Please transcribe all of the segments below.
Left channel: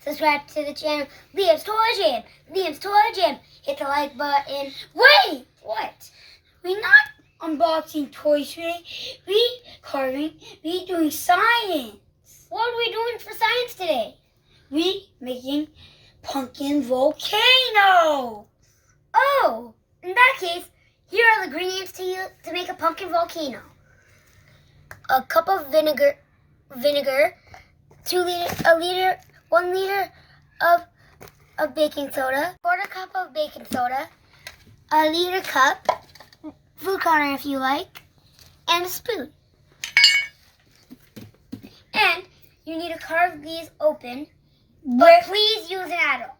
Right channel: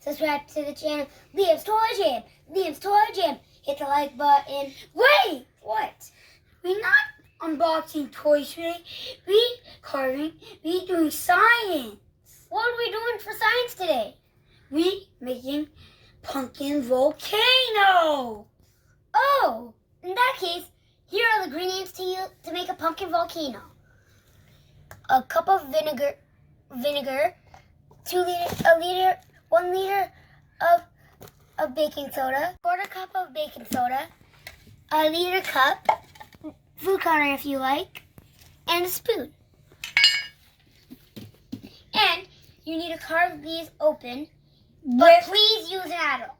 Subscribe to the channel. Liam's Toy Jam. Liam's Toy Jam. Hit the like button. Wait! What? We're not unboxing toys today. We doing science. What are we doing for science today? We making Pumpkin Volcano. Oh, in that case, here are the ingredients to make a pumpkin volcano. A cup of vinegar, 1 liter of baking soda, 1/4 cup of baking soda, a liter cup, food coloring if you like, and a spoon. And you need to carve these open, but please use an adult.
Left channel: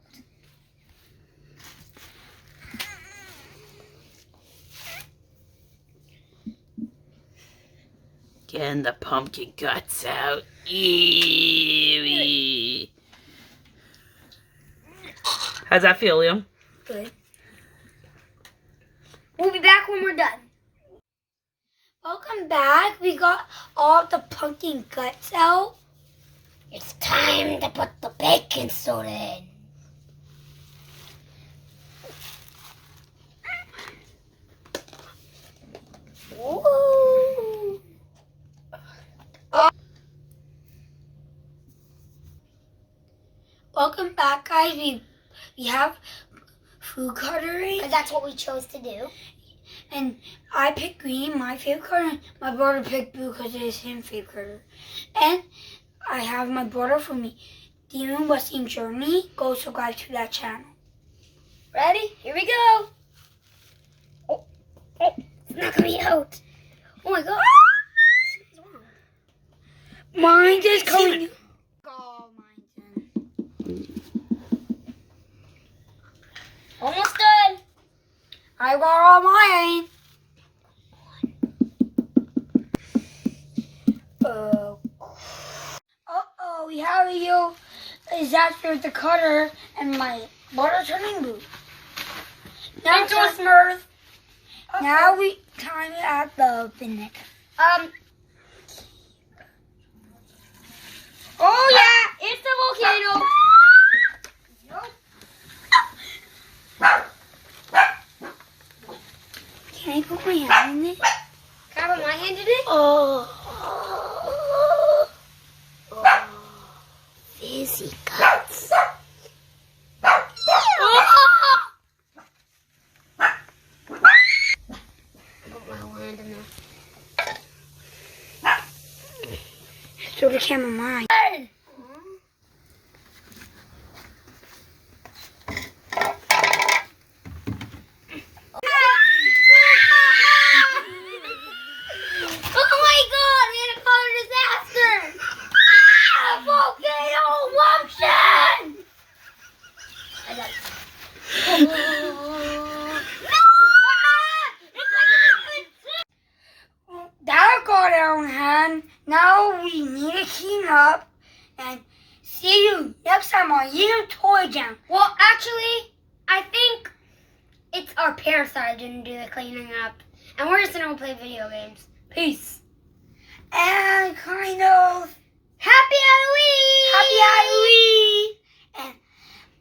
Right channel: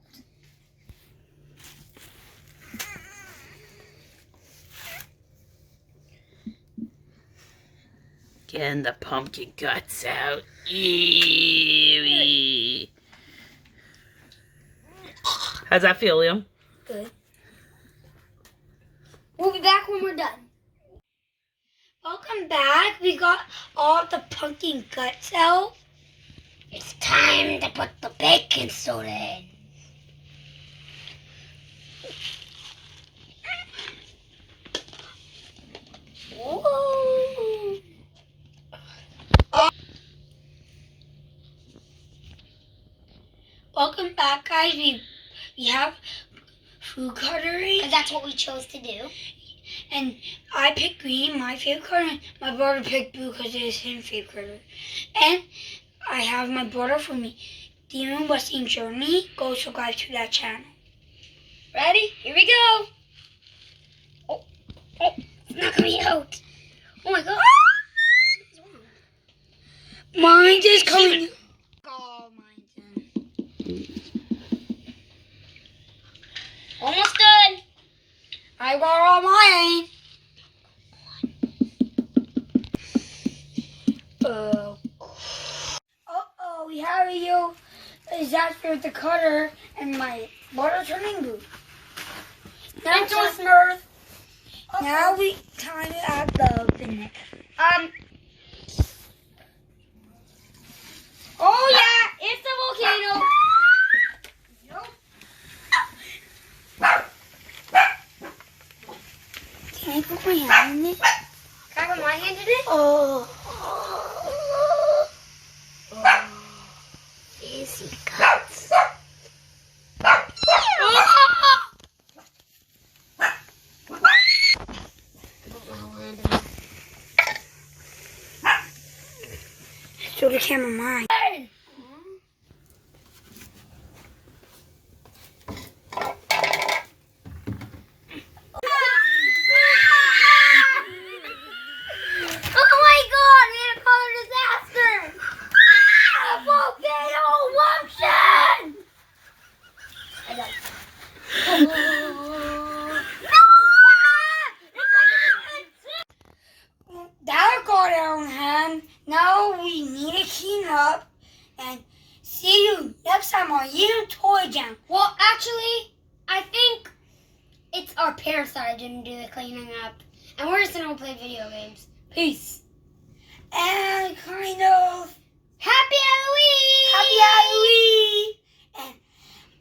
Getting the pumpkin guts out. Ew. How's that feel, Liam? Good. We'll be back when we're done. Welcome back. We got all the pumpkin guts out. It's time to put the baking soda in. Ooh. Welcome back, guys. We have food coloring. And that's what we chose to do. And I picked green, my favorite color. And my brother picked blue because it is his favorite color. And I have my brother for me. Demon Busting Journey. Go subscribe to that channel. Ready? Here we go. Oh, it's not coming out. Oh my god. Mine's just coming. Oh, mine's in. Almost done. I got all mine. Uh-oh, we have you. Disaster with the cutter and my water turning blue. Now it's a smurf. Now we time to add the vinegar. Oh yeah, it's the volcano. Can I put my hand in it? Can I put my hand in it? Oh. Fizzy guts. Show the camera mine. That got our hand. Now we need to clean up and see you next time on You Toy Jam. Well, actually, I think it's our parents that didn't do the cleaning up, and we're just gonna go play video games. Peace. And kind of Happy Halloween! Happy Halloween! And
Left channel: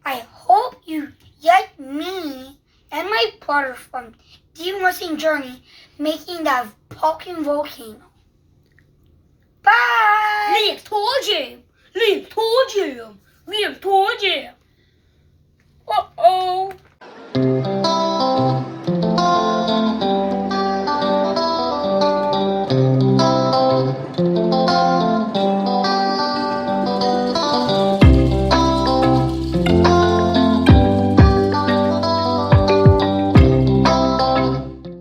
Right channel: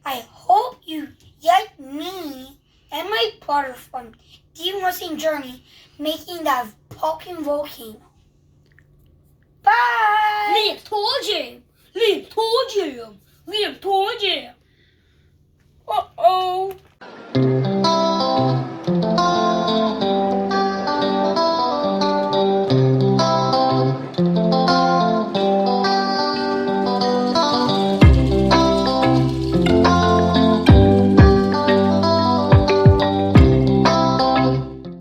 I hope you get me and my brother from Demon Journey making that Pumpkin Volcano. Bye! Liam's Toy Jam! Liam's Toy Jam! Liam's Toy Jam! Uh-oh!